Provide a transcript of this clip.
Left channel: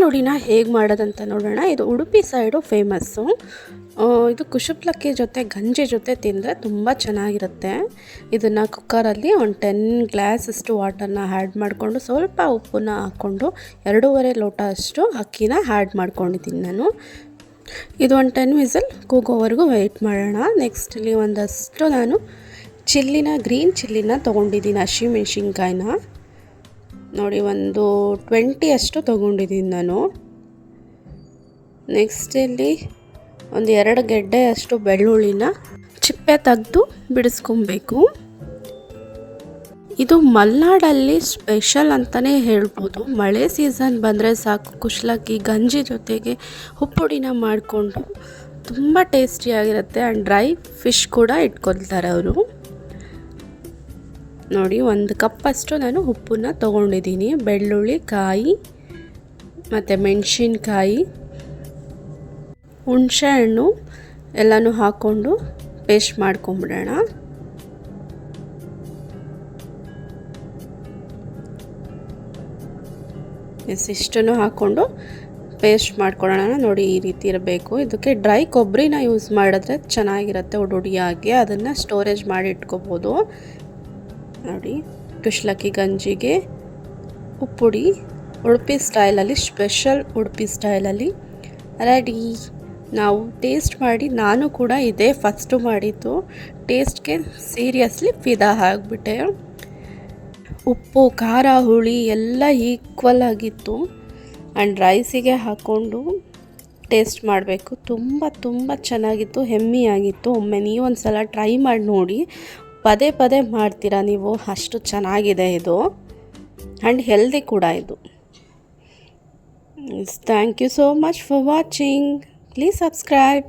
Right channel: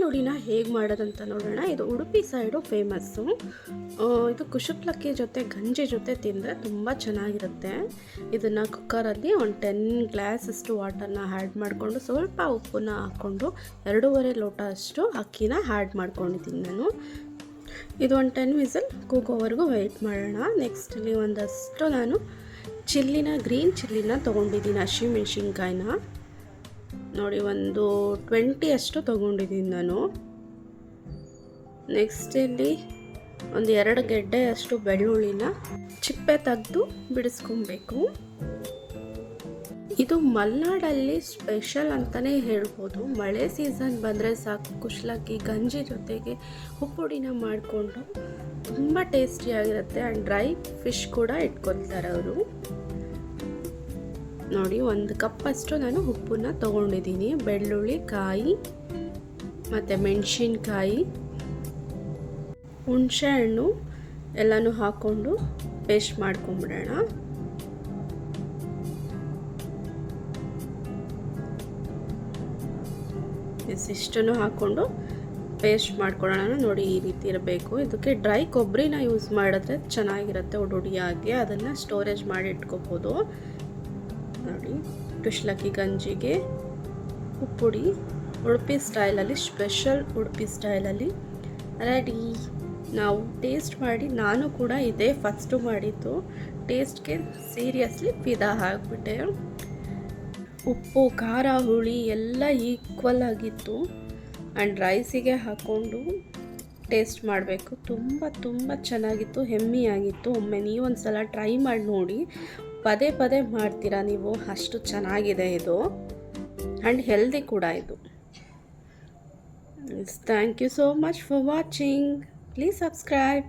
ನುಡಿನ ಹೇಗೆ ಮಾಡೋದಂತ ನೋಡೋಣ. ಇದು ಉಡುಪಿ ಸೈಡು ಫೇಮಸ್ಸು. ಇದು ಕುಶುಪ್ಲಕ್ಕಿ ಜೊತೆ, ಗಂಜಿ ಜೊತೆ ತಿಂದರೆ ತುಂಬ ಚೆನ್ನಾಗಿರುತ್ತೆ. ಇದನ್ನು ಕುಕ್ಕರಲ್ಲಿ ಒಂದು ಟೆನ್ ಗ್ಲಾಸಷ್ಟು ವಾಟರ್ನ ಆ್ಯಡ್ ಮಾಡಿಕೊಂಡು, ಸ್ವಲ್ಪ ಉಪ್ಪನ್ನ ಹಾಕ್ಕೊಂಡು, ಎರಡೂವರೆ ಲೋಟ ಅಷ್ಟು ಅಕ್ಕಿನ ಆ್ಯಡ್ ಮಾಡ್ಕೊಂಡಿದ್ದೀನಿ ನಾನು. ಇದು ಒಂದು ಟೆನ್ ವಿಸಲ್, ಕೂಗೋವರೆಗೂ ವೆಯ್ಟ್ ಮಾಡೋಣ. ನೆಕ್ಸ್ಟ್ ಇಲ್ಲಿ ಒಂದಷ್ಟು ನಾನು ಚಿಲ್ಲಿನ, ಗ್ರೀನ್ ಚಿಲ್ಲಿನ ತೊಗೊಂಡಿದ್ದೀನಿ, ಹಸಿಮೆಣ್ಸಿನ್ಕಾಯಿನ. ನೋಡಿ, ಒಂದು ಟ್ವೆಂಟಿ ಅಷ್ಟು ತೊಗೊಂಡಿದ್ದೀನಿ ನಾನು. ನೆಕ್ಸ್ಟ್ ಇಲ್ಲಿ ಒಂದು ಎರಡು ಗೆಡ್ಡೆ ಅಷ್ಟು ಬೆಳ್ಳುಳ್ಳಿನ ಚಿಪ್ಪೆ ತೆಗೆದು ಬಿಡಿಸ್ಕೊಬೇಕು. ಇದು ಮಲೆನಾಡಲ್ಲಿ ಸ್ಪೆಷಲ್ ಅಂತಲೇ ಹೇಳ್ಬೋದು. ಮಳೆ ಸೀಸನ್ ಬಂದರೆ ಸಾಕು. ಕುಶ್ಲಕ್ಕಿ, ಗಂಜಿ ಜೊತೆಗೆ ಉಪ್ಪುಡಿನ ಮಾಡಿಕೊಂಡು ತುಂಬ ಟೇಸ್ಟಿಯಾಗಿರುತ್ತೆ ಆ್ಯಂಡ್ ಡ್ರೈ ಫಿಶ್ ಕೂಡ ಇಟ್ಕೊಳ್ತಾರೆ ಅವರು. ನೋಡಿ, ಒಂದು ಕಪ್ಪಷ್ಟು ನಾನು ಉಪ್ಪನ್ನ ತೊಗೊಂಡಿದ್ದೀನಿ. ಬೆಳ್ಳುಳ್ಳಿ ಕಾಯಿ ಮತ್ತು ಮೆಣಸಿನ್ಕಾಯಿ, ಹುಣಸೆಹಣ್ಣು ಎಲ್ಲನೂ ಹಾಕ್ಕೊಂಡು ಪೇಸ್ಟ್ ಮಾಡ್ಕೊಂಬಿಡೋಣ. ಎಸ್, ಇಷ್ಟನ್ನು ಹಾಕ್ಕೊಂಡು ಪೇಸ್ಟ್ ಮಾಡ್ಕೊಳ್ಳೋಣ. ನೋಡಿ, ಈ ರೀತಿ ಇರಬೇಕು. ಇದಕ್ಕೆ ಡ್ರೈ ಕೊಬ್ಬರಿನ ಯೂಸ್ ಮಾಡಿದ್ರೆ ಚೆನ್ನಾಗಿರುತ್ತೆ ಉಡುಡಿಯಾಗಿ ಅದನ್ನು ಸ್ಟೋರೇಜ್ ಮಾಡಿ ಇಟ್ಕೋಬೋದು. ನೋಡಿ. ಕುಶ್ಲಕ್ಕಿ ಗಂಜಿಗೆ ಉಪ್ಪುಡಿ, ಉಡುಪಿ ಸ್ಟೈಲಲ್ಲಿ, ಸ್ಪೆಷಲ್ ಉಡುಪಿ ಸ್ಟೈಲಲ್ಲಿ. ರೆಡಿ. ನಾವು ಟೇಸ್ಟ್ ಮಾಡಿ, ನಾನು ಕೂಡ ಇದೇ ಫಸ್ಟು ಮಾಡಿದ್ದು. ಟೇಸ್ಟ್ಗೆ ಸೀರಿಯಸ್ಲಿ ಫಿದಾ ಆಗಿಬಿಟ್ಟೆ. ಉಪ್ಪು, ಖಾರ, ಹುಳಿ ಎಲ್ಲ ಈಕ್ವಲ್ ಆಗಿತ್ತು. ಆ್ಯಂಡ್ ರೈಸಿಗೆ ಹಾಕ್ಕೊಂಡು ಟೇಸ್ಟ್ ಮಾಡಬೇಕು. ತುಂಬ ತುಂಬ ಚೆನ್ನಾಗಿತ್ತು, ಹೆಮ್ಮಿಯಾಗಿತ್ತು. ಒಮ್ಮೆ ನೀವು ಒಂದು ಸಲ ಟ್ರೈ ಮಾಡಿ ನೋಡಿ. ಪದೇ ಪದೇ ಮಾಡ್ತೀರಾ ನೀವು? ಅಷ್ಟು ಚೆನ್ನಾಗಿದೆ ಇದು. ಆ್ಯಂಡ್ ಹೆಲ್ದಿ ಕೂಡ ಇದು. Thank you so much for watching please subscribe